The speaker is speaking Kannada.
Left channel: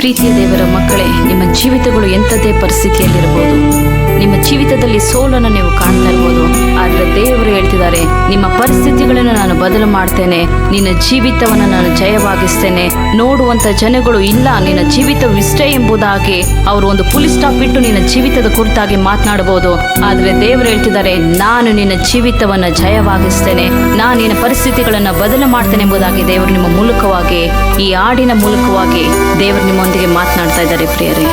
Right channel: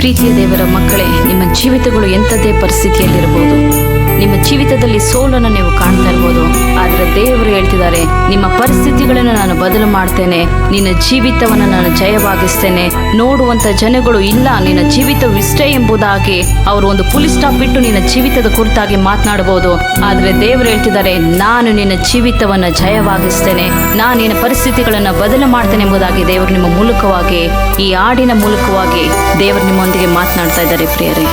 ಪ್ರೀತಿಯ ದೇವರ ಮಕ್ಕಳೇ, ನಿಮ್ಮ ಜೀವಿತಗಳು ಎಂಥದೇ ಪರಿಸ್ಥಿತಿಯಲ್ಲಿರಬಹುದು, ನಿಮ್ಮ ಜೀವಿತದಲ್ಲಿ ಸೋಲನ್ನು ನೀವು ಕಾಣ್ತಾ ಇರ್ಬೋದು. ಆದರೆ ದೇವರು ಹೇಳ್ತಿದ್ದಾರೆ, ನಿಮ್ಮ ಪರಿಸ್ಥಿತಿಗಳನ್ನು ನಾನು ಬದಲು ಮಾಡ್ತೇನೆ, ನಿನ್ನ ಜೀವಿತವನ್ನು ನಾನು ಜಯವಾಗಿಸ್ತೇನೆ. ನೋಡುವಂಥ ಜನಗಳು ಇಲ್ಲ, ನಿನ್ನ ಜೀವಿತವಿಷ್ಟೇ ಎಂಬುದಾಗಿ ಅವರು ಒಂದು ಫುಲ್ ಸ್ಟಾಪ್ ಇಟ್ಟು ನಿನ್ನ ಜೀವಿತದ ಕುರಿತಾಗಿ ಮಾತನಾಡಬಹುದು. ಆದರೆ ದೇವರು ಹೇಳ್ತಿದ್ದಾರೆ, ನಾನು ನಿನ್ನ ಜೀವಿತವನ್ನು ಜಯವಾಗಿಸ್ತೇನೆ, ನಾನು ನಿನ್ನ ಪರಿಸ್ಥಿತಿಗಳನ್ನು ಬದಲು ಮಾಡ್ತೇನೆ ಎಂಬುದಾಗಿ ದೇವರು ನಿಮ್ಮ ಮೂಲಕವಾಗಿ, ಈ ಹಾಡಿನ ಮೂಲಕವಾಗಿ ದೇವರು ನಿಮ್ಮೊಂದಿಗೆ ಮಾತನಾಡ್ತಾ ಇದ್ದಾರೆ ಪ್ರಿಯರೇ.